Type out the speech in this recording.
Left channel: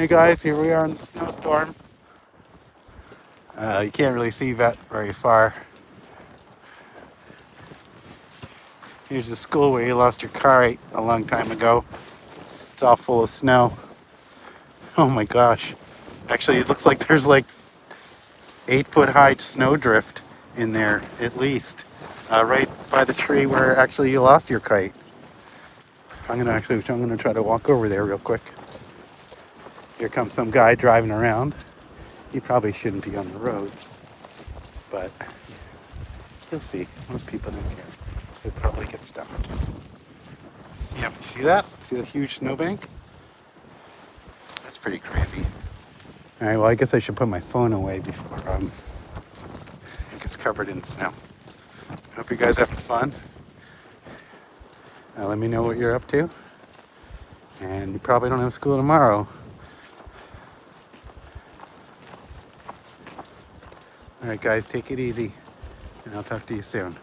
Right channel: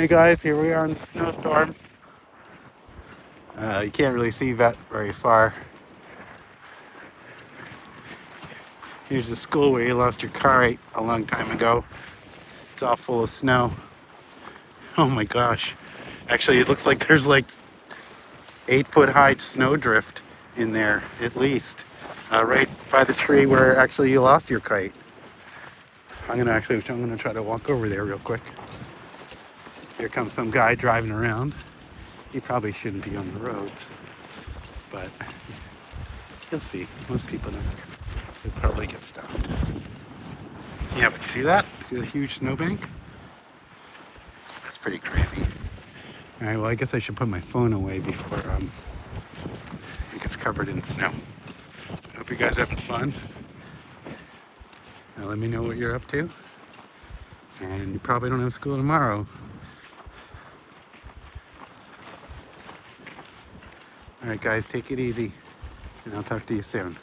Hey guys, here we are in the snowstorm. You can't really see that very far. Here's the school where you lost your car a long time ago. It's all full of snow. Oh my gosh. Actually, it looks like there's like 8-foot high snowdrift in there, at least. Right by the tree where actually you lost your kite. I'm gonna try to walk over there real quick. Here comes some guy driving around. He probably shouldn't be on the roads, but you'll see. Most people don't. They'll probably get stuck. Yeah, but see that? See the huge snowbank? That's pretty crazy. All right, well, I guess I should put my phone away before it gets covered in snow. Hope you guys are having fun. Now let me know what you're up to. And you probably don't have school tomorrow. All right, guys, take it easy. And I'll talk to you soon.